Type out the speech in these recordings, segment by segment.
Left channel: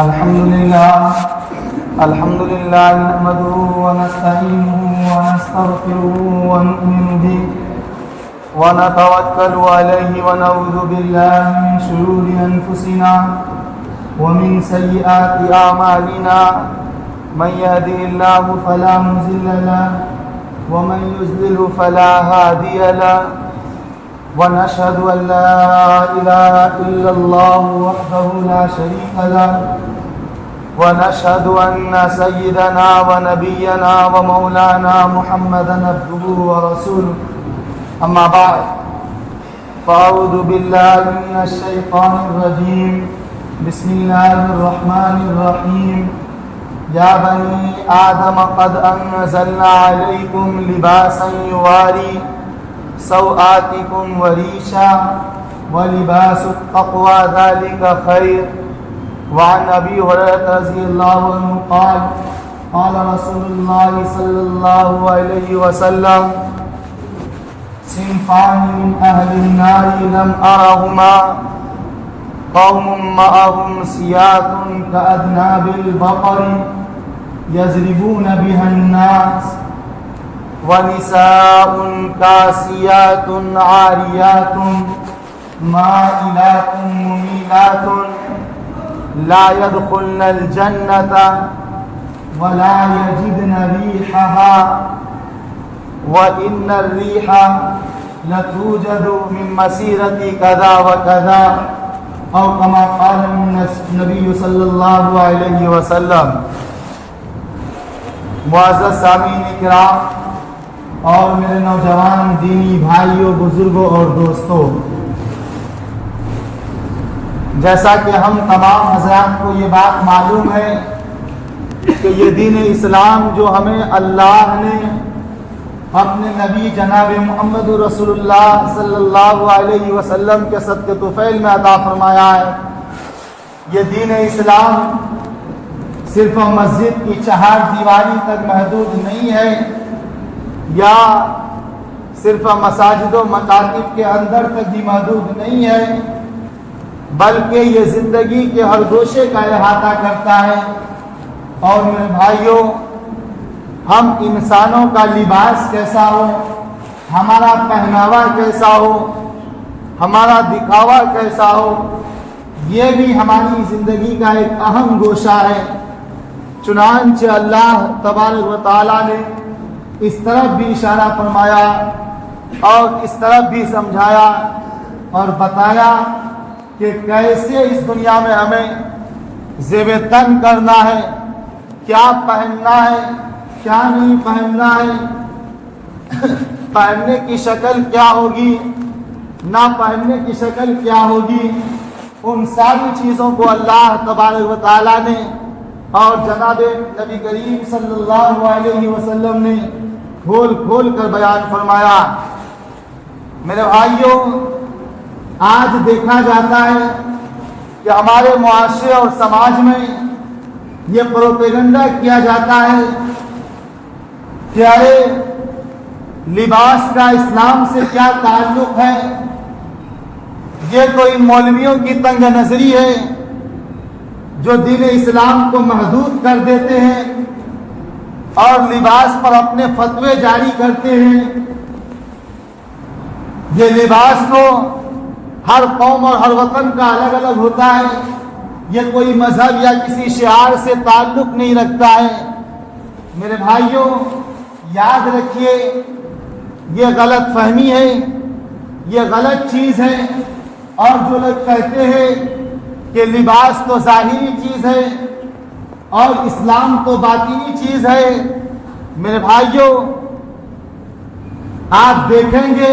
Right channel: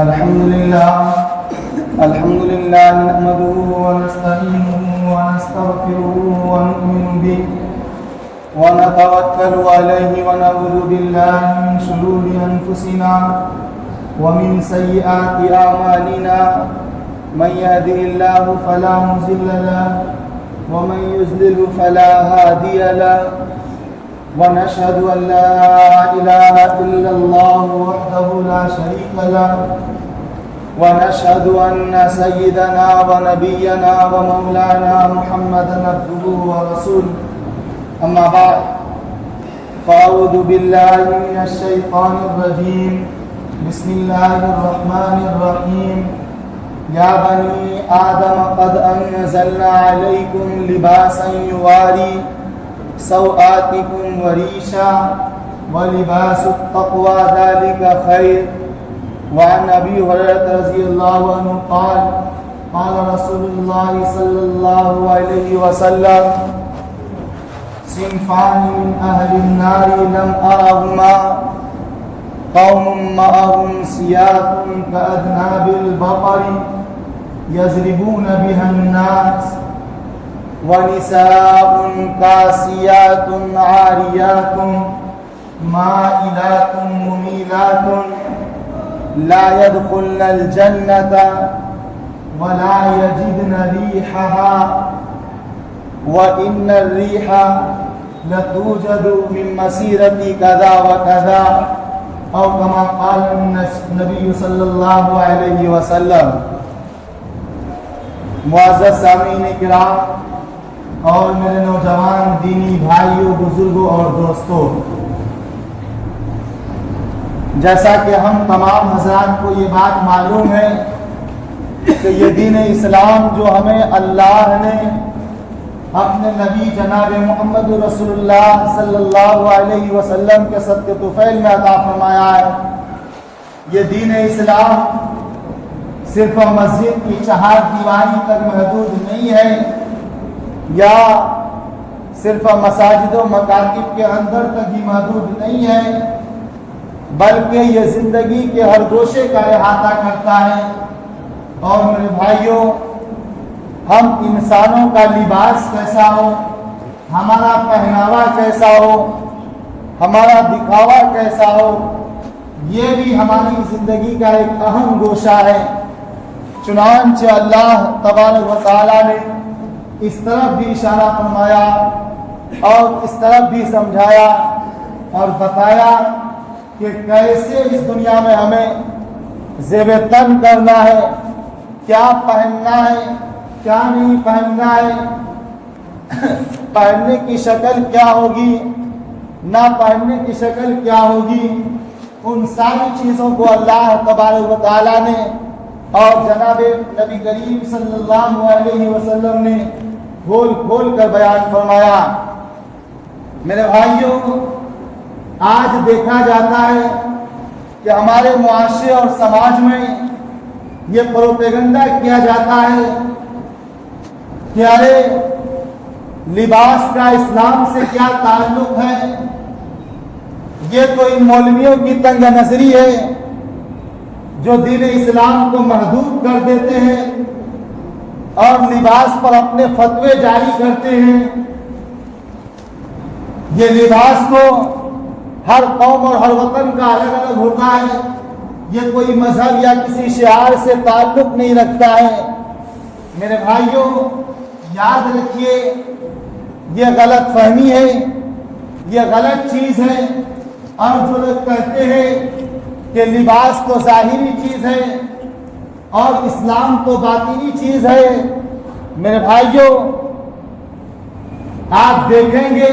الحمد لله نحمده ونستعينه ونستغفره ونؤمن به ونتوكل عليه ونعوذ بالله من شرور أنفسنا ومن سيئات أعمالنا من يهده الله فلا مضل له ومن يضلل فلا هادي له ونشهد أن لا إله إلا الله وحده لا شريك له ونشهد أن سيدنا ونبينا ومولانا محمدا عبده ورسوله أما بعد فأعوذ بالله من الشيطان الرجيم بسم الله الرحمن الرحيم يا بني آدم قد أنزلنا عليكم لباسا يواري سوآتكم وريشا ولباس التقوى ذلك خير وعن أبي هريرة رضي الله عنه قال قال رسول الله صلى الله عليه وسلم صنفان من أهل النار لم أرهما قوم معهم سياط كأذناب البقر يضربون بها الناس ونساء كاسيات عاريات مائلات مميلات لا يدخلن الجنة ولا يجدن ريحها وإن الريح لتوجد من مسيرة كذا وكذا أو كما قال النبي صلی اللہ علیہ وسلم۔ معزز سامعین کرام اور میرے نوجوان دینی بھائیوں، بزرگوں اور دوستوں، جیسا کہ ہم تمام حضرات کو یہ بات معلوم ہے کہ یہ دین اسلام جو ہمیں اللہ نے اپنے نبی جناب محمد رسول اللہ صلی اللہ علیہ وسلم کے صدقے طفیل میں عطا فرمایا ہے، یہ دین اسلام صرف مسجد کی چہار دیواری تک محدود نہیں ہے یا صرف مساجد و مکاتب کے اندر تک بھی محدود نہیں ہے، بلکہ یہ زندگی کے ہر گوشے کا احاطہ کرتا ہے۔ اور میرے بھائیوں، ہم انسانوں کا لباس کیسا ہو، ہمارا پہناوا کیسا ہو، ہمارا دکھاوا کیسا ہو، یہ بھی ہماری زندگی کا ایک اہم گوشہ ہے۔ چنانچہ اللہ تبارک و تعالیٰ نے اس طرف بھی اشارہ فرمایا اور اس طرف بھی سمجھایا اور بتایا کہ کیسے اس دنیا میں ہمیں زیب تن کرنا ہے، کیا پہننا ہے، کیا نہیں پہننا ہے، پہننے کی شکل کیا ہوگی، نہ پہننے کی شکل کیا ہوگی، ان ساری چیزوں کو اللہ تبارک و تعالیٰ نے اور جناب نبی کریم صلی اللہ علیہ وسلم نے کھول کھول کر بیان فرمایا۔ میرے بھائیوں، آج دیکھا جاتا ہے کہ ہمارے معاشرے اور سماج میں یہ پروپیگنڈا کیا جاتا ہے کہ ارے لباس کا اسلام سے کیا تعلق ہے، یہ تو ان مولویوں کی تنگ نظری ہے جو دین اسلام کو محدود کر دیتے ہیں اور لباس پر اپنے فتوے جاری کرتے ہیں۔ یہ لباس تو ہر قوم اور ہر وطن کا الگ الگ ہوتا ہے، یہ کوئی مذہب یا کسی شعار سے تعلق نہیں رکھتا ہے۔ میرے بھائیوں، یاد رکھیے، یہ غلط فہمی ہے، یہ غلط چیز ہے۔ اور جو لوگ کہتے ہیں کہ لباس تو ظاہری چیز ہے اور اسلام تو باطنی چیز ہے، میرے بھائیوں، آپ دیکھیں گے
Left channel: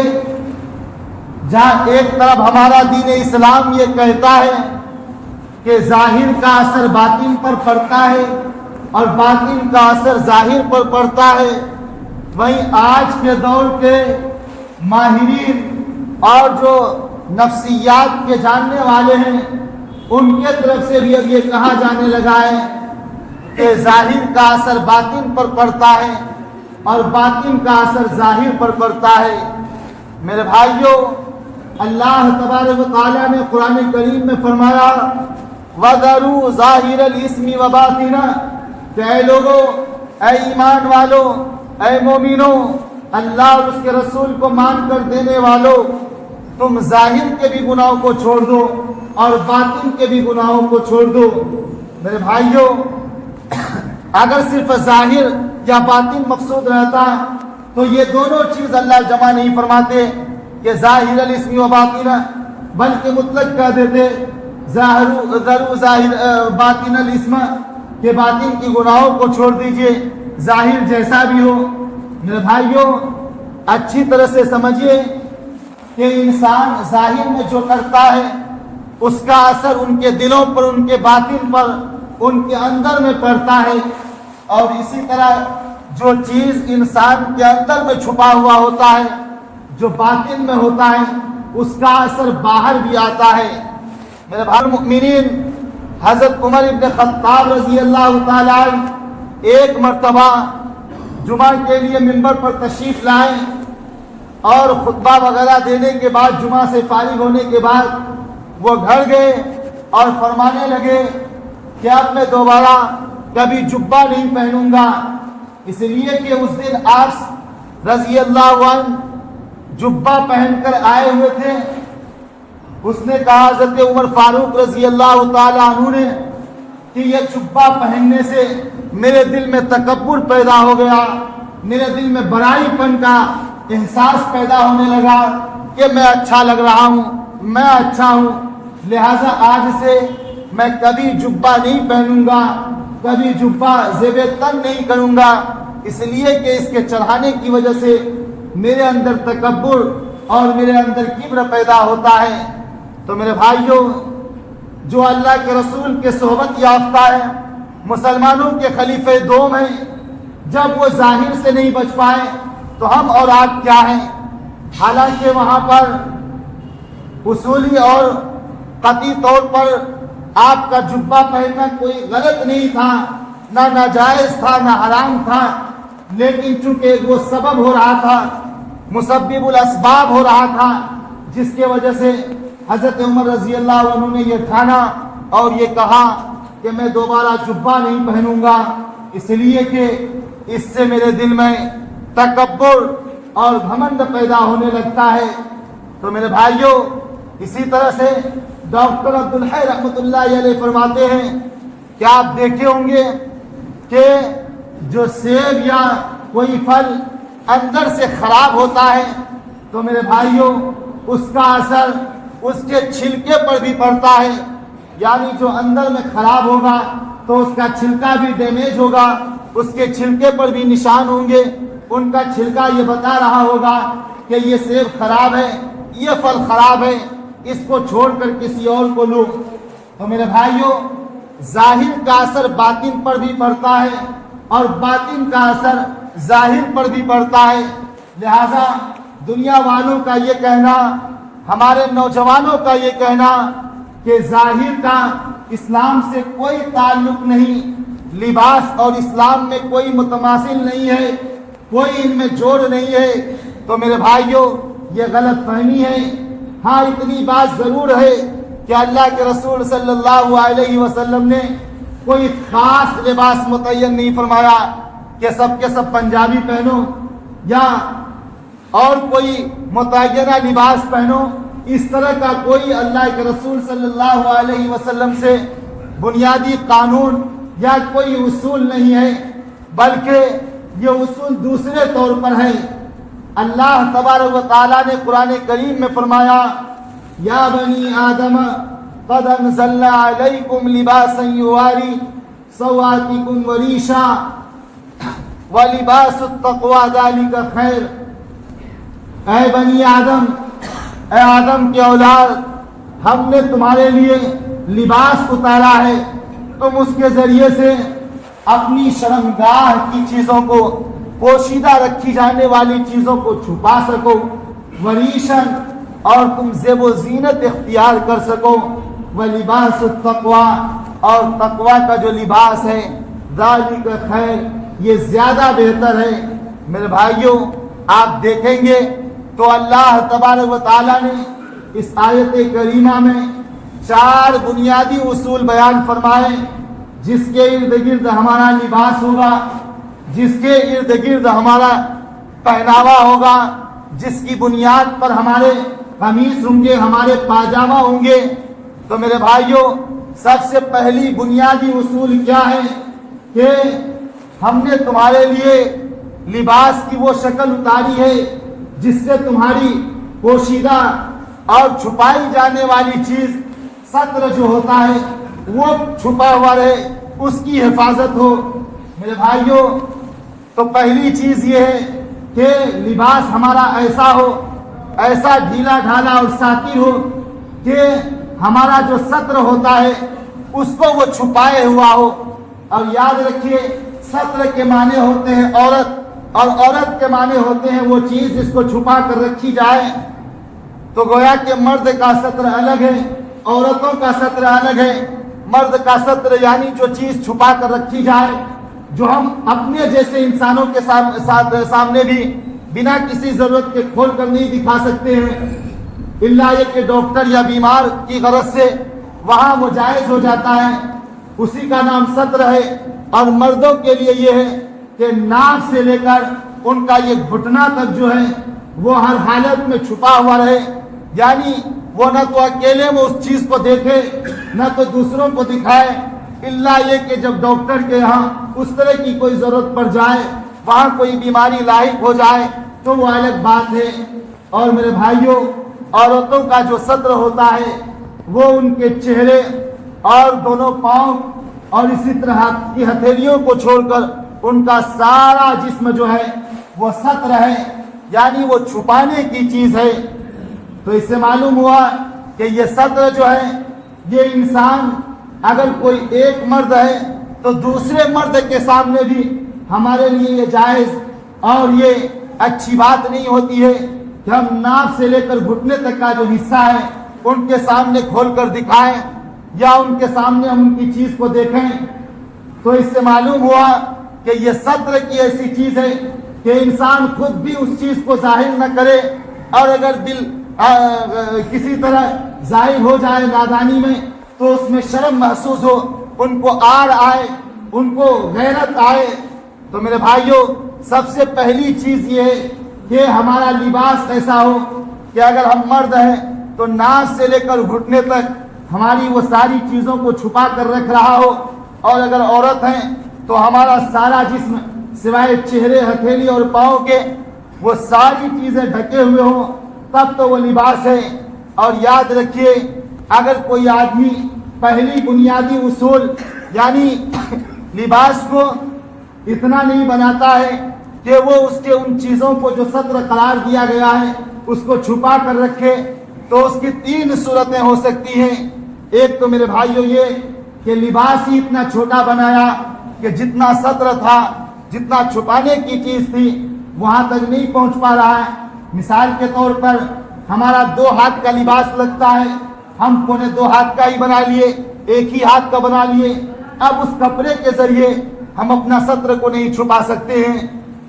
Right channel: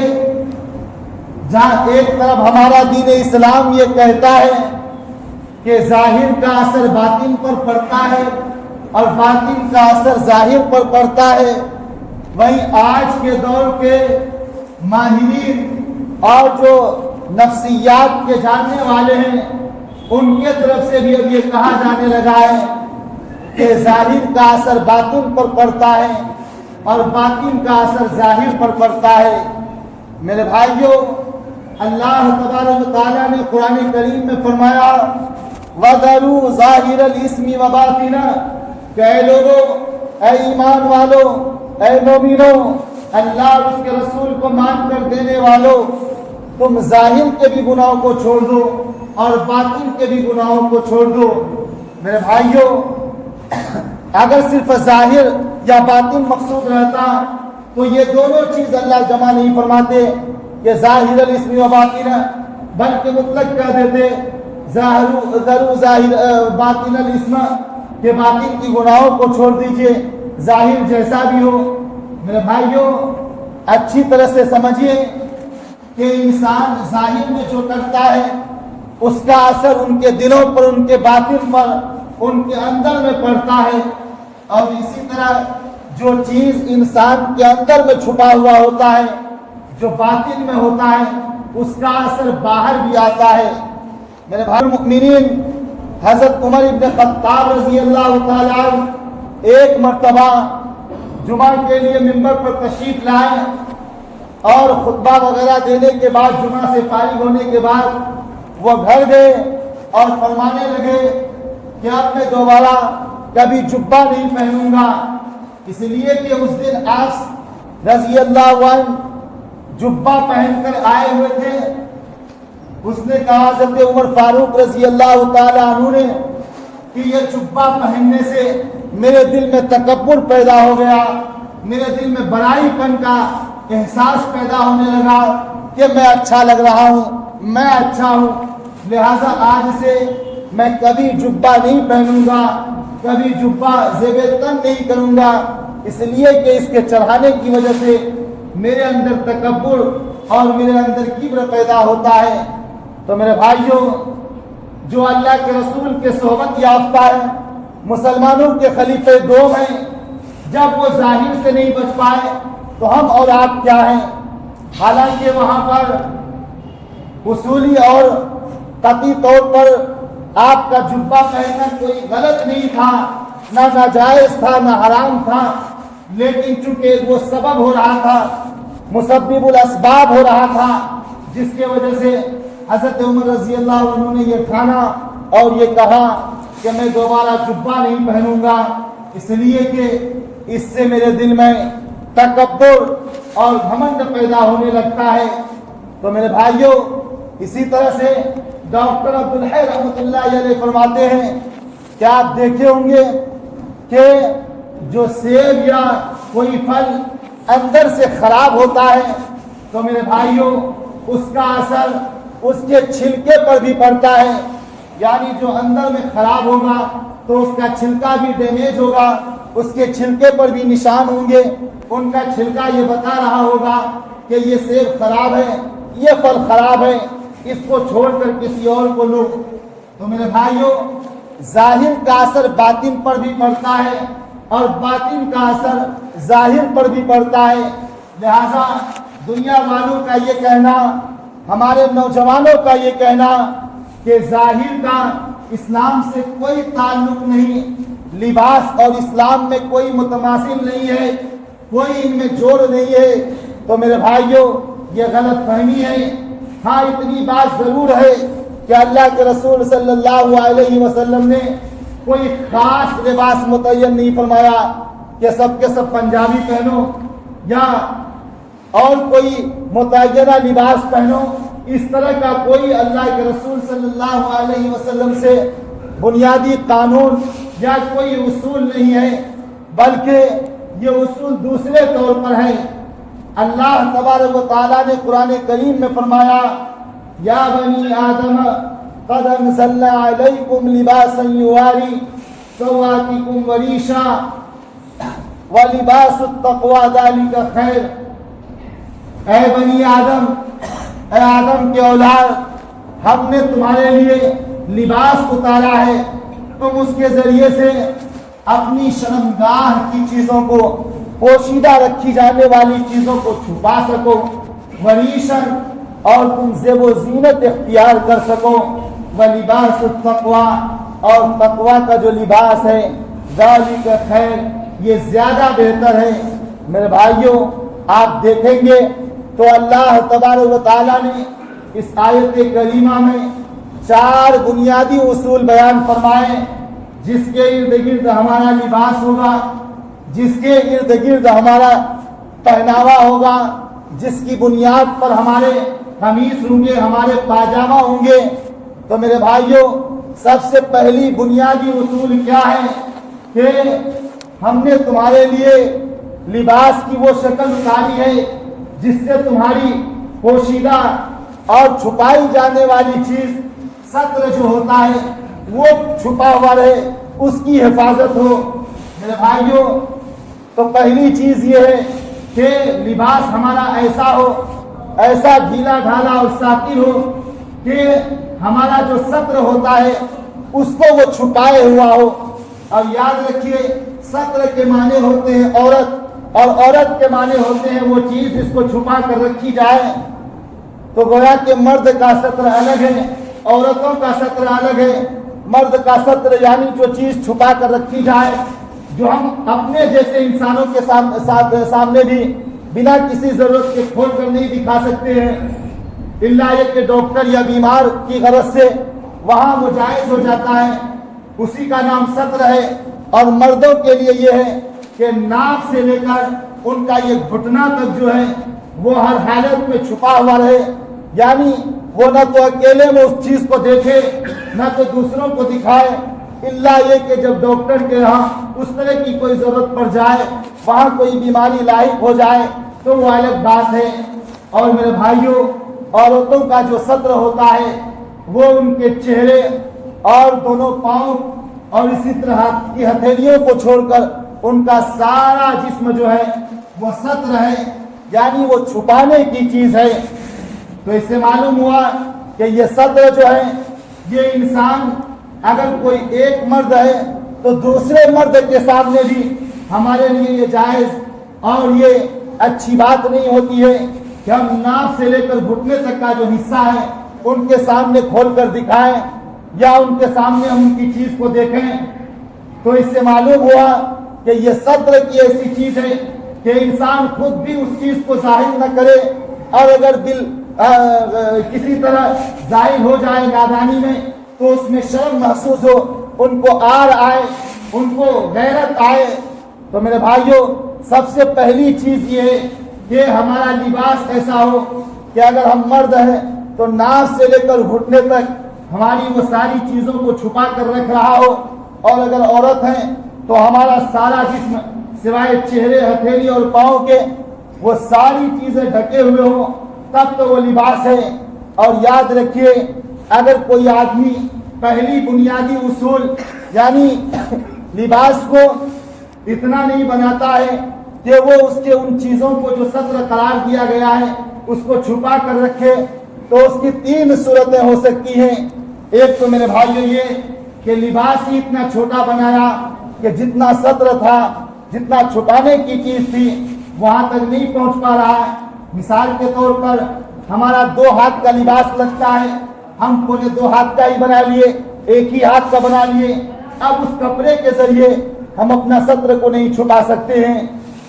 جہاں ایک طرف ہمارا دین اسلام یہ کہتا ہے کہ ظاہر کا اثر باطن پر پڑتا ہے اور باطن کا اثر ظاہر پر پڑتا ہے، وہیں آج کے دور کے ماہرین اور جو نفسیات کے جاننے والے ہیں ان کے طرف سے بھی اب یہ کہا جانے لگا ہے کہ ظاہر کا اثر باطن پر پڑتا ہے اور باطن کا اثر ظاہر پر پڑتا ہے۔ میرے بھائیوں، اللہ تبارک و تعالیٰ نے قرآن کریم میں فرمایا وَذَرُوا ظَاهِرَ الْإِثْمِ وَبَاطِنَهُ، کہ اے لوگوں، اے ایمان والو، اے مومنوں، اللہ اور اس کے رسول کو مان کر دینے والوں، تم ظاہر کے بھی گناہوں کو چھوڑ دو اور باطن کے بھی گناہوں کو چھوڑ دو۔ میرے بھائیوں، اگر صرف ظاہر یا باطن مقصود رہتا تو یہ دونوں چیز اللہ جمع نہیں فرماتے کہ ظاہر الاسم و باطن، بلکہ مطلق کہہ دیتے ذرو ظاہر باطن الاسم، کہ باطن کی گناہوں کو چھوڑ دیجئے، ظاہر جیسا بھی ہو۔ میرے بھائیوں، اچھی طرح سے سمجھیے کہ انسان ظاہر میں جو کرتا ہے اس کا اثر ان کے دلوں پر، ان کے باطن پر، ان کے اندر میں پڑتا ہے، اور اسی طرح جو چیز انسان کے اندر میں چھپا ہوا ہوتا ہے، جو باطن میں ہوتا ہے، اس کا اثر باہر بھی آتا ہے۔ میرے بھائی المؤمنین، حضرت عمر ابن خطاب رضی اللہ تعالیٰ عنہ ایک مرتبہ جمعہ کے لیے ممبر پر تشریف لائے اور خطبہ وغیرہ دینے کے بعد، جمعہ سے فارغ ہونے کے بعد وہ گھر گئے اور فرمانے لگے کہ اب میں دوبارہ کبھی جبہ نہیں پہنوں گا، اس لیے کہ اس دن آس رضی اللہ عنہ جبہ پہن کر آئے ہوئے تھے۔ اس نے کہا حضرت عمر فاروق رضی اللہ تعالیٰ عنہ نے کہ یہ جبہ پہننے سے میرے دل میں تکبر پیدا ہو گیا، میرے دل میں بڑائی پن کا احساس پیدا ہونے لگا کہ میں اچھا لگ رہا ہوں، میں اچھا ہوں، لہٰذا آج سے میں کبھی جبہ نہیں پہنوں گا، کبھی جبہ زیب تن نہیں کروں گا، اس لیے کہ اس کے چڑھانے کی وجہ سے میرے اندر تکبر اور میرے اندر کبر پیدا ہوتا ہے۔ تو میرے بھائیوں، جو اللہ کے رسول کے صحبت یافتہ ہے، مسلمانوں کے خلیفہ دوم ہیں، جب وہ ظاہر سے نہیں بچ پائے تو ہم اور آپ کیا ہیں؟ حالانکہ وہاں پر اصولی اور قطعی طور پر آپ کا جبہ پہننا کوئی غلط نہیں تھا، نہ ناجائز تھا، نہ حرام تھا، لیکن چونکہ وہ سبب ہو رہا تھا، مسبب الاسباب ہو رہا تھا، جس کی وجہ سے حضرت عمر رضی اللہ عنہ نے یہ ٹھانا اور یہ کہا کہ میں دوبارہ جبہ نہیں پہنوں گا، اس لیے کہ اس سے میرے دل میں تکبر اور گھمنڈ پیدا ہونے لگتا ہے۔ تو میرے بھائیوں، اسی طرح سے ڈاکٹر عبدالحی رحمۃ اللہ علیہ فرماتے ہیں کہ آپ دیکھے ہوں گے کہ جو سیب یا کوئی پھل اندر سے خراب ہوتا ہے تو میرے بھائیوں اس کا اثر اس کے چھلکے پر بھی پڑتا ہے، یعنی جو اندر میں خراب ہوگا تو اس کا چھلکا بھی ڈیمیج ہوگا، اس کے چھلکے پر بھی نشان ہوں گے، ان کا چھلکا یہ بتا رہا ہوگا کہ یہ سیب خراب ہے، یہ پھل خراب ہے، اس کو چھوڑ کر کسی اور کو لو۔ تو میرے بھائیوں، ظاہر کا اثر باطن پر بھی پڑتا ہے اور باطن کا اثر ظاہر پر بھی پڑتا ہے، لہذا دنیا والوں کا یہ کہنا، ہمارے نوجوانوں کا یہ کہنا کہ ظاہر کا اسلام سے کوئی تعلق نہیں، لباس اور اسلام میں کوئی متماثل نہیں ہے، کوئی ان میں جوڑ نہیں ہے، تو میرے بھائیوں یہ غلط فہمی ہے۔ ہاں اتنی بات ضرور ہے کہ اللہ کے رسول صلی اللہ علیہ وسلم نے کوئی خاص لباس متعین نہیں فرمایا کہ سب کے سب پنجابی پہنو یا اور کوئی متعینہ لباس پہنو، اس طرح کا کوئی اللہ کے رسول صلی اللہ علیہ وسلم سے بنیادی قانون یا کوئی اصول نہیں ہے، بلکہ یہ اصول دوسرے طور پر ہے۔ اللہ تبارک و تعالیٰ نے قرآن کریم میں فرمایا، یا بنی آدم قد انزلنا علیکم لباسا یواری سوآتکم وریشا ولباس التقوی ذلک خیر۔ اے بنی آدم، اے آدم کے اولاد، ہم نے تمہارے لیے لباس اتارا ہے، تم اس کے ذریعے سے اپنی شرمگاہ کی چیزوں کو، پوشیدہ رکھی جانے والی چیزوں کو چھپا سکو، وریشن اور تم زیب و زینت اختیار کر سکو، ولباس التقوی اور تقوی کا جو لباس ہے، ذالک خیر، یہ زیادہ بہتر ہے۔ میرے بھائیوں، آپ دیکھیں گے تو اللہ تبارک و تعالیٰ نے اس آیت کریمہ میں 4 بنیادی اصول بیان فرمائے جس کے ارد گرد ہمارا لباس ہوگا، جس کے ارد گرد ہمارا پہناوا ہوگا، جس کی بنیاد پر ہمارے قمیص ہوں گے، ہمارے پاجامہ ہوں گے۔ تو میرے بھائیوں، سب سے پہلی بنیادی اصول کیا ہے کہ ہم نے تمہارے لیے لباس کی وہ شکل اتاری ہے جس سے تمہاری پوشیدہ اور چھپائی جانے والی چیز ستر جو ہوتا ہے وہ چھپا ہوا رہے، اس کی حفاظت ہو۔ میرے بھائیوں، تو پہلی چیز یہ ہے کہ لباس ہمارا ایسا ہو، ایسا ڈھیلا ڈھالا اور ساتھی ہو کہ ہمارا جو ستر ہوتا ہے اس کو وہ چھپائے ہوا ہو۔ اور یاد رکھیے، ستر کے معنی ہوتے ہیں عورت، اور عورت کے معنی ہوتے ہیں وہ چیز جس کو چھپا کر رکھی جائے۔ تو گویا کہ مرد کا ستر الگ ہے، عورتوں کا ستر الگ ہے۔ مرد کا ستر یعنی جو چیز چھپا کر رکھی جائے، جو ہم اپنے جیسے انسانوں کے سامنے بھی بنا کسی ضرورت کے کھول کر نہیں دکھا سکتے ہیں، الا یہ کہ ڈاکٹر یا بیمار کی غرض سے وہاں وہ جائز ہو جاتا ہے، اسی کا نام ستر ہے۔ اور مردوں کے لیے یہ ہے کہ ناک سے لے کر ان کا یہ گھٹنا تک جو ہے وہ ہر حالت میں چھپا ہوا رہے، یعنی وہ نہ تو اکیلے میں اس چیز کو دیکھے نہ تو دوسروں کو دکھائے، الا یہ کہ جب ڈاکٹر کے یہاں اس طرح کی کوئی ضرورت پڑ جائے، وہاں کوئی بیماری لاحق ہو جائے تو وہ الگ بات ہے۔ اور میرے بھائیوں، عورتوں کا جو ستر ہوتا ہے وہ ان کے چہرے اور دونوں پاؤں اور اسی طرح کی ہتھیلیوں کو چھوڑ کر ان کا سارا جسم جو ہے وہ ستر ہے، یعنی وہ چھپانے کی چیز ہے۔ تو اس سے معلوم ہوا کہ یہ ستر جو ہے، یہ انسان اگر کوئی ایک مرد ہے تو دوسرے مرد کے سامنے بھی ہمارے لیے یہ جائز اور یہ اچھی بات نہیں ہوتی ہے کہ ہم ناف سے لے کر گھٹنے تک کا جو حصہ ہے ان کے سامنے کھول کر دکھائیں یا ان کے سامنے ہم ان کی چیز کو دیکھیں۔ تو اس سے معلوم ہوا کہ یہ ستر کی ایسی چیز ہے کہ انسان خود بھی اس چیز کو ظاہر نہ کرے، اور اگر دل کسی طرح ظاہر ہو جائے نادانی میں تو اس میں شرم محسوس ہو، ان کو آر آئے، ان کو غیرت آئے۔ تو میرے بھائیوں، سب سے پہلی چیز یہ ہے کہ ہمارا لباس ایسا ہو کہ اگر ہم مرد ہیں تو ناف سے لے کر گھٹنے تک ہماری وہ ساری چیزوں کو چھپا کر رکھ رہا ہو، اور اگر عورت ہیں تو ہمارا سارا جسم سوائے چہرے، ہتھیلی اور پاؤں کے وہ ساری چیزیں ڈھکے ہوئے ہوں، تب تو وہ لباس ہے۔ اور یاد رکھیے، اگر کوئی آدمی پہلی بنیادی اصول یعنی لباس کو اتنا نہیں بناتا ہے کہ وہ اس کے ان چیزوں کو جو ستر قرار دیا گیا ہے اس کو چھپا کر رکھے، تو اس کی 3 صورتیں ہو سکتی ہیں۔ ایک تو میرے بھائیوں یہ کہ لباس ہی اتنا چھوٹا بنایا کہ جتنا ستر تھا، جتنا چھپانے کی چیز تھی وہاں تک نہیں پہنچ پا رہا ہے۔ مثال کے طور پر ہمارا 2 ہاتھ کا لباس لگتا ہے، ہم 2 ہاتھ کا ہی بنا لیے، ایک ہی ہاتھ کا بنا لیے، اب اس کپڑے کے ذریعے ہم اپنا ستر کو نہیں چھپا سکتے ہیں۔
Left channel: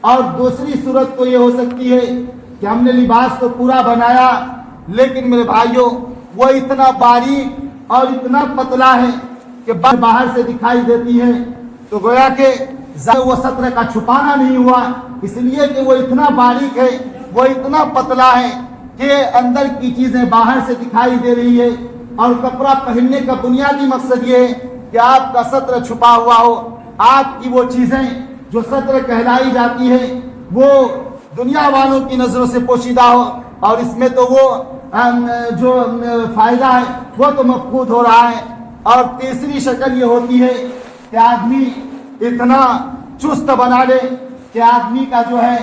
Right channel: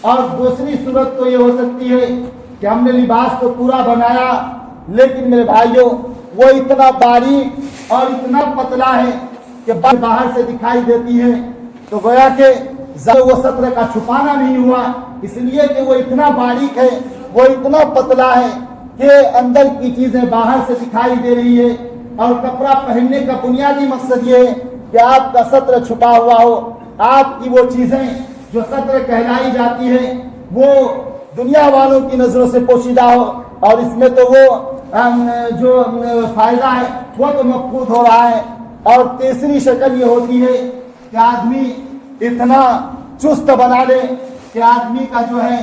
اور دوسری صورت تو یہ ہو سکتی ہے کہ ہم نے لباس کو پورا بنایا لیکن میرے بھائیوں وہ اتنا باریک اور اتنا پتلا ہے کہ باہر سے دکھائی دیتی ہے، تو گویا کہ وہ ستر کا چھپانا نہیں ہوا، اس لیے کہ وہ اتنا باریک ہے، وہ اتنا پتلا ہے کہ اندر کی چیزیں باہر سے دکھائی دے رہی ہے۔ اور کپڑا پہننے کا بنیادی مقصد یہ ہے کہ آپ کا ستر چھپا ہوا ہو، آپ کی وہ چیزیں جو ستر کہلائی جاتی ہیں وہ دنیا والوں کی نظروں سے پوشیدہ ہو، اور اس میں تو وہ جو فائدہ ہے وہ تو مفقود ہو رہا ہے۔ اور تیسری شکل یہ ہوتی ہے کہ آدمی اتنا چست بنا لے کہ آدمی کا جو ہے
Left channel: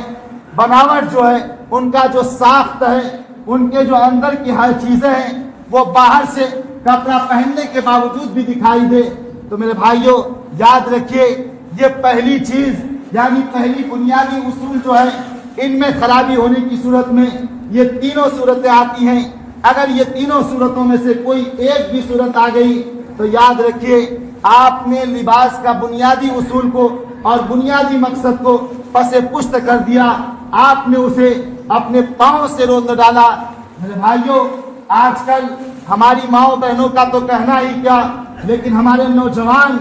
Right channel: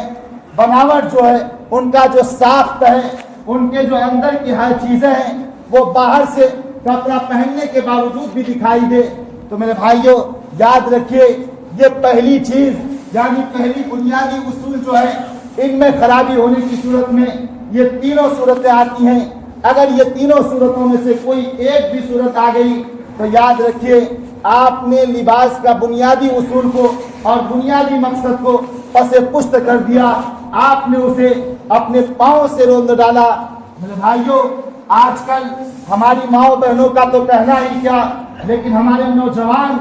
بناوٹ جو ہے، ان کا جو ساخت ہے، ان کے جو اندر کی ہر چیزیں ہیں وہ باہر سے کپڑا پہننے کے باوجود بھی دکھائی دے۔ تو میرے بھائیوں یاد رکھیے، یہ پہلی چیز یعنی پہلی بنیادی اصول جو ہے، ان میں خرابی ہونے کی صورت میں یہ تینوں صورتیں آتی ہیں۔ اگر یہ تینوں صورتوں میں سے کوئی ایک بھی صورت آ گئی تو یاد رکھیے آپ نے لباس کا بنیادی اصول کو اور بنیادی مقصد کو پس پشت کر دیا، آپ نے اسے اپنے پاؤں سے روند ڈالا۔ میرے بھائیوں، آج کل ہماری ماؤں بہنوں کا تو کہنا ہی کیا، لیکن ہمارے نوجوان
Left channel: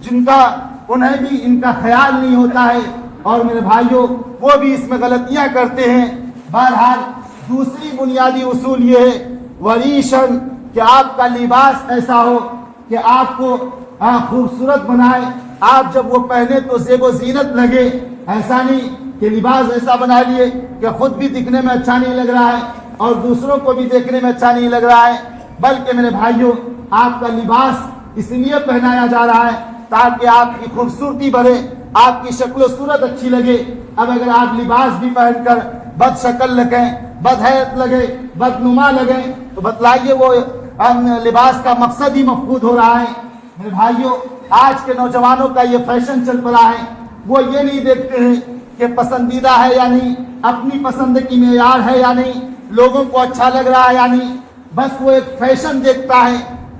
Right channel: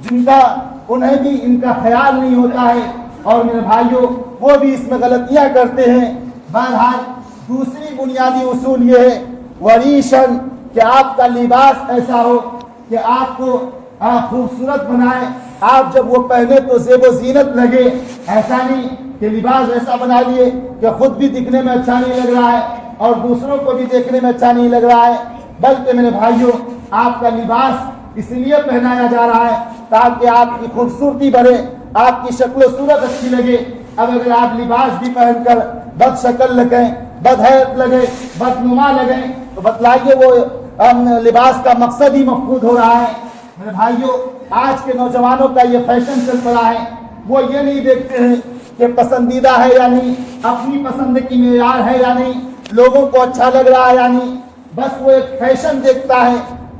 جن کا انہیں بھی ان کا خیال نہیں ہوتا ہے، اور میرے بھائیوں وہ بھی اس میں غلطیاں کرتے ہیں۔ بہرحال دوسری بنیادی اصول یہ ہے وریشن، کہ آپ کا لباس ایسا ہو کہ آپ کو خوبصورت بنائے، آپ جب وہ پہنے تو زیب و زینت لگے، ایسا نہیں کہ لباس ایسا بنا لیے کہ خود بھی دکھنے میں اچھا نہیں لگ رہا ہے اور دوسروں کو بھی دیکھنے میں اچھا نہیں لگ رہا ہے، بلکہ میرے بھائیوں آپ کا لباس اس لیے پہنایا جا رہا ہے تاکہ آپ کی خوبصورتی بڑھے، آپ کی شکل و صورت اچھی لگے۔ اب اگر آپ لباس بھی پہن کر بد شکل لگیں، بد حیت لگے، بدنما لگیں، تو بتلائیے وہ لباس کا مقصد ہی مفقود ہو رہا ہے۔ میرے بھائیوں آج کے نوجوانوں کا یہ فیشن چل پڑا ہے، وہ یہ نہیں دیکھتے ہیں کہ پسندیدہ ہے یا نہیں، اپنی پسند کی معیار ہے یا نہیں، لوگوں کو اچھا لگ رہا ہے یا نہیں، بس وہ ایک فیشن دیکھتا ہے۔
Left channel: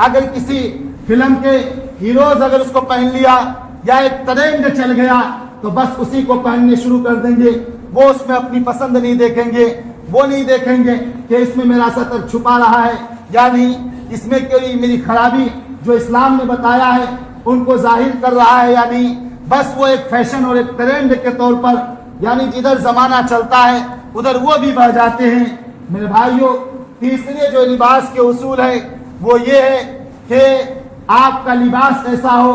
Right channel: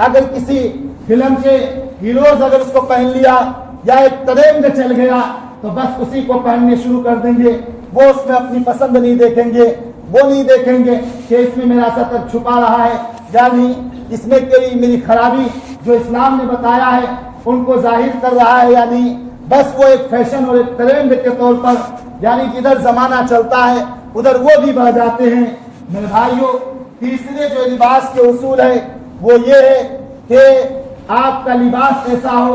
اگر کسی فلم کے ہیروز اگر اس کو پہن لیا یا ایک ٹرینڈ چل گیا تو بس اسی کو پہننے شروع کر دیں گے، وہ اس میں اپنی پسند نہیں دیکھیں گے، وہ نہیں دیکھیں گے کہ اس میں میرا سطر چھپا رہا ہے یا نہیں، اس میں میری خرابی جو اسلام نے بتایا ہے ان کو ظاہر کر رہا ہے یا نہیں، بس وہ ایک فیشن اور ایک ٹرینڈ کے طور پر، یعنی جدھر زمانہ چلتا ہے ادھر وہ بھی بڑھ جاتے ہیں۔ میرے بھائیوں تیسرے جو لباس کے اصول ہے وہ یہ ہے کہ آپ کا لباس ایسا ہو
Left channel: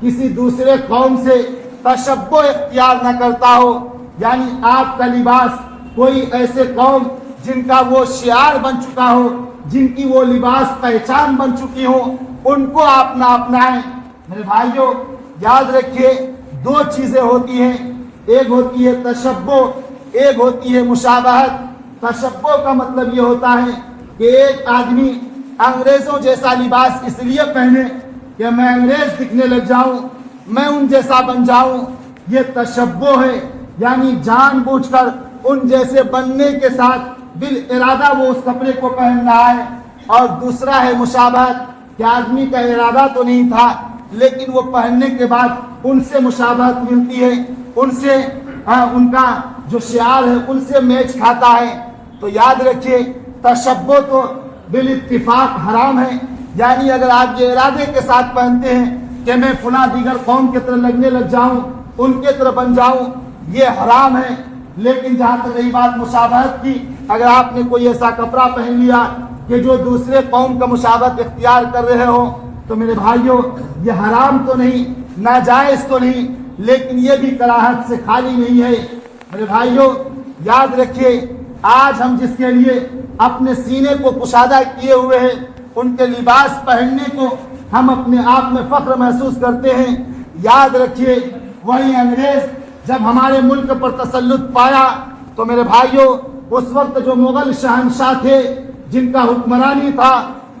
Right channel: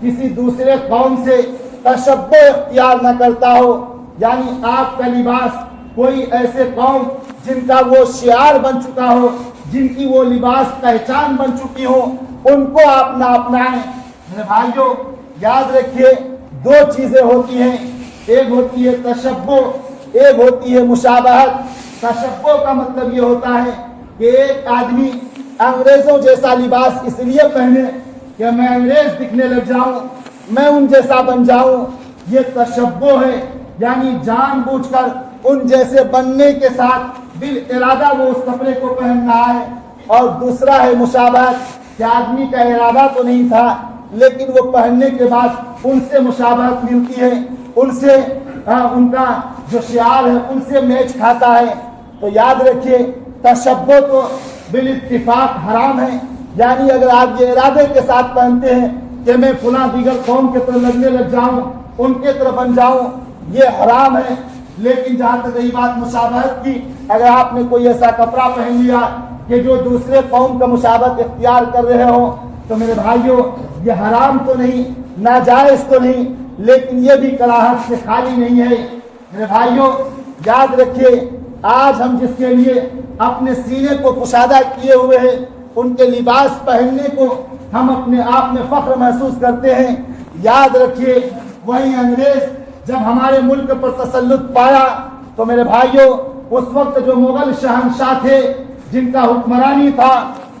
کسی دوسرے قوم سے تشبہ اختیار نہ کرتا ہو، یعنی آپ کا لباس کوئی ایسے قوم جن کا وہ شعار بن چکا ہو، جن کی وہ لباس پہچان بن چکی ہو، ان کو آپ نہ اپنائیں۔ میرے بھائیوں یاد رکھیے دو چیزیں ہوتی ہیں، ایک ہوتی ہے تشبہ، ایک ہوتی ہے مشابہت۔ تشبہ کا مطلب یہ ہوتا ہے کہ ایک آدمی انگریزوں جیسا لباس اس لیے پہنے کہ میں انگریز دکھنے لگ جاؤں، میں ان جیسا بن جاؤں، یہ تشبہ ہے، یعنی جان بوجھ کر ان جیسے بننے کے ساتھ بالارادہ وہ اس کپڑے کو پہن رہا ہے۔ اور دوسرا ہے مشابہت، کہ آدمی کا ارادہ تو نہیں تھا لیکن وہ پہننے کے بعد ان سے مشابہت ملتی ہے، ان سے ان کا جو شعار ہے ان سے میچ کھاتا ہے۔ تو یاد رکھیے تشبہ تو بالاتفاق حرام ہے، یعنی اگر آپ یہ ارادے کے ساتھ پہنتے ہیں کہ میں فلاں دیگر قوم کی طرح لگنے لگ جاؤں، ان کے طرح بن جاؤں، یہ حرام ہے۔ لیکن جہاں تک رہی بات مشابہت کی، اگر آپ نے کوئی ایسا کپڑا پہن لیا کہ جو دوسرے قوم کا مشابہت اختیار کر رہے ہو تو میرے بھائیوں یہ حرام تو نہیں، ناجائز تو نہیں، لیکن یہ بھی کراہت سے خالی نہیں ہے۔ میرے بھائیوں یاد رکھیے آج ہم جس کے لیے اپنے سینے کو کشادہ کیے ہوئے ہیں، ان کے لباس پہننے کو ہم اپنے آپ میں فخر محسوس کرتے ہیں۔ یاد رکھیے وہی انگریز جب ہمارے ملک پر تسلط پایا تو میرے بھائیوں اس وقت جو مغل شہنشاہ تھے جن کا حکمرانی تھا،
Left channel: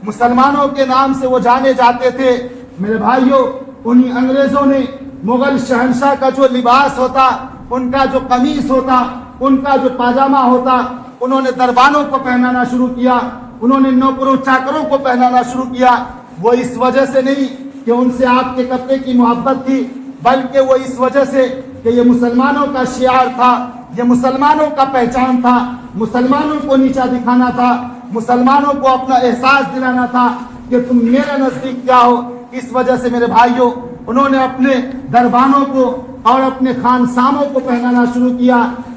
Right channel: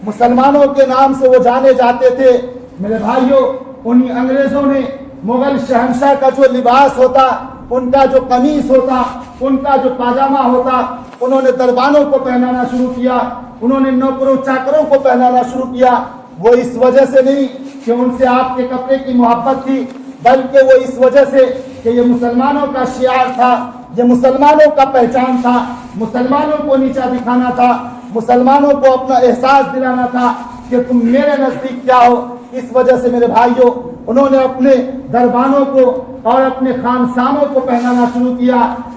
مسلمانوں کے نام سے وہ جانے جاتے تھے، میرے بھائیوں انہی انگریزوں نے مغل شہنشاہ کا جو لباس ہوتا، ان کا جو قمیص ہوتا، ان کا جو پاجامہ ہوتا، انہوں نے دربانوں کو پہنانا شروع کیا، انہوں نے نوکروں چاکروں کو پہنانا شروع کیا۔ وہ اس وجہ سے نہیں کہ ان سے آپ کے کپڑے کی محبت تھی، بلکہ وہ اس وجہ سے کہ یہ مسلمانوں کا شعار تھا، یہ مسلمانوں کا پہچان تھا، مسلمانوں کو نیچا دکھانا تھا، مسلمانوں کو اپنا احساس دلانا تھا کہ تم میرے نزدیک کیا ہو۔ اس وجہ سے میرے بھائیوں انہوں نے اپنے دربانوں کو اور اپنے خانساموں کو پہنانا شروع کیا۔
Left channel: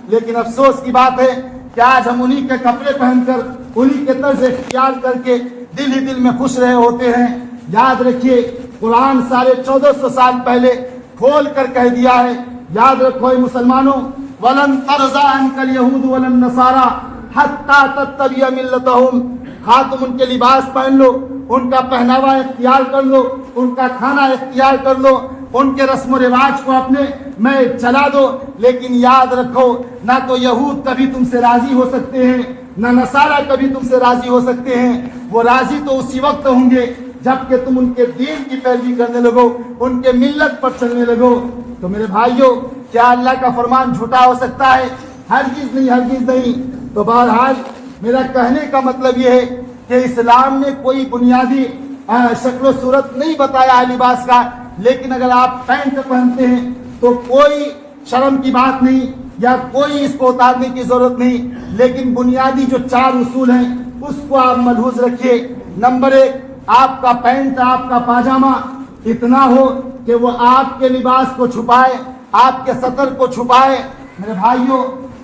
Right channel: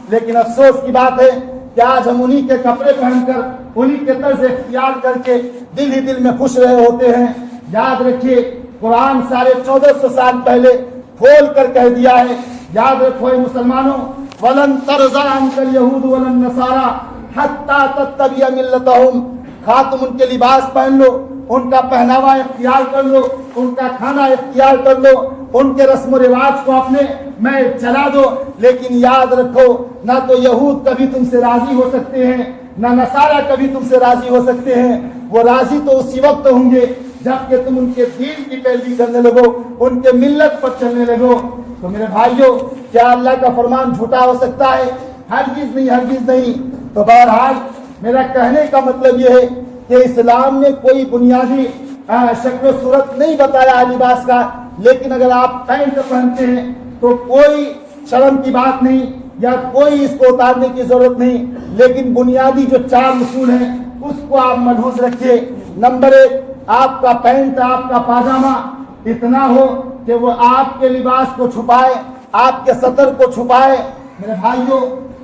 لیکن افسوس کی بات ہے کہ آج ہم انہی کے کپڑے پہن کر انہی کے طرز اختیار کر کے دل ہی دل میں خوش رہے ہوتے ہیں۔ یاد رکھیے قرآن 1450 سال پہلے کھول کر کہہ دیا ہے، یاد رکھو اے مسلمانوں، وَلَن تَرْضَىٰ عَنْكَ الْيَهُودُ وَلَا النَّصَارَىٰ حَتَّىٰ تَتَّبِعَ مِلَّتَهُمْ۔ خواہ تم ان کے لباس پہن لو، ان کا پہناوا اختیار کر لو، ان کا کھانا اختیار کر لو، ان کے رسم و رواج کو اپنے میں چلا دو، لیکن یاد رکھو نہ تو یہود کبھی تم سے راضی ہو سکتے ہیں، نہ نصارہ کبھی تم سے راضی ہو سکتے ہیں۔ وہ راضی تو اسی وقت ہوں گے جب کہ تم ان کے دین کی پیروی کرنے لگو، ان کے ملت پر چلنے لگو۔ تو میرے بھائیوں کیا اللہ کا فرمان جھوٹا ہو سکتا ہے؟ ہرگز نہیں، ہرگز نہیں۔ تو بہرحال میرا کہنے کا مطلب یہ ہے کہ اسلام نے کوئی بنیادی شکل و صورت نہیں بتایا ہے لباس کا، لیکن اگر آپ پینٹ پہنتے ہیں تو کوئی شرم کی بات نہیں یا کوئی اس کو اتارنے کی ضرورت نہیں، لیکن بنیادی جو 4 اصول ہیں اس کو آپ ملحوظ رکھیے۔ نمبر 1، آپ کا پینٹ، آپ کا پاجامہ اتنا ہو کہ وہ آپ کے لباس کو چھپائے، آپ کے سطر کو چھپائے۔ میرے بھائیوں،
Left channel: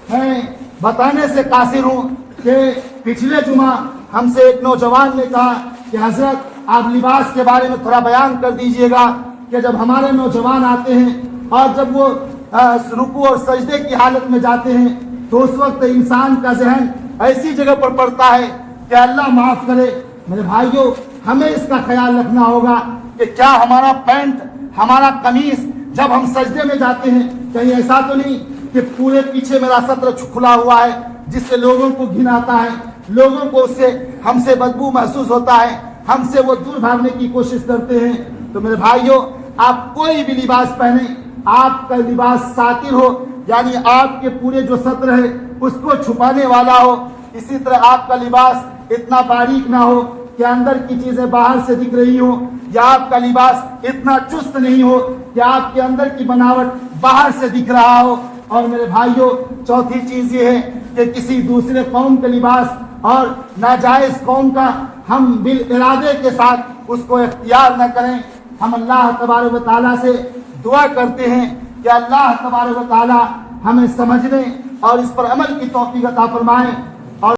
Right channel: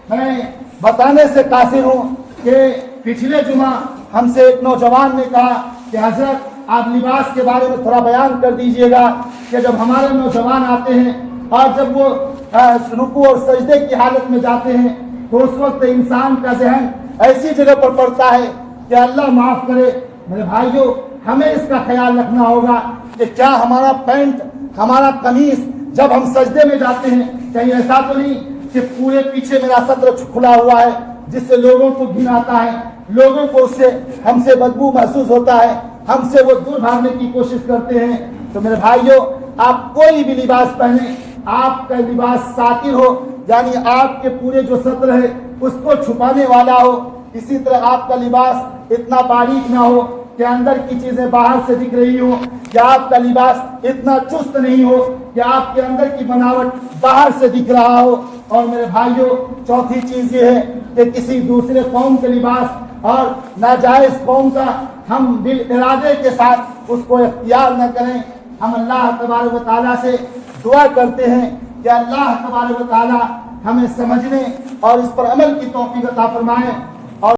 میں بتانے سے قاصر ہوں کہ پچھلے جمعہ ہم سے ایک نوجوان نے کہا کہ حضرت آپ لباس کے بارے میں تھوڑا بیان کر دیجئے گا کہ جب ہمارے نوجوان آتے ہیں اور جب وہ رکوع اور سجدے کی حالت میں جاتے ہیں تو اس وقت انسان کا ذہن ایسی جگہ پر پڑتا ہے کہ اللہ معاف کرے۔ میرے بھائیوں، ہمیں اس کا خیال رکھنا ہوگا کہ کیا ہمارا پینٹ، ہمارا قمیص جب ہم سجدے میں جاتے ہیں کہیں ایسا تو نہیں کہ پورے پیچھے میرا سطر کھلا ہوا ہے جس سے لوگوں کو گھن آتا ہے، لوگوں کو اس سے ہم سے بدبو محسوس ہوتا ہے، ہم سے وہ دور بھاگنے کی کوشش کرتے ہیں۔ تو میرے بھائیوں، آپ کوئی بھی لباس پہنیں، آپ کا لباس ساتر ہو، یعنی آپ کے پورے جو سطر ہے اس کو چھپانے والا ہو۔ اسی طرح آپ کا لباس اتنا باریک نہ ہو کہ اندر کی چیزیں باہر سے دکھ رہی ہو، یا آپ کا لباس اتنا چست نہیں ہو کہ آپ کے اندر کی بناوٹ باہر سے دکھ رہا ہو۔ اور میرے بھائیوں، چوتھی چیز یہ ہے کہ کسی دوسرے قوم کے لباس اور ناجائز قوم کا ہم بالارادے کے ساتھ اس کو اختیار نہ کریں۔ ہم اللہ تبارک و تعالیٰ سے دعا کرتے ہیں کہ اللہ تبارک و تعالیٰ ہمیں سمجھنے اور اس پر عمل کی توفیق عطا فرمائے۔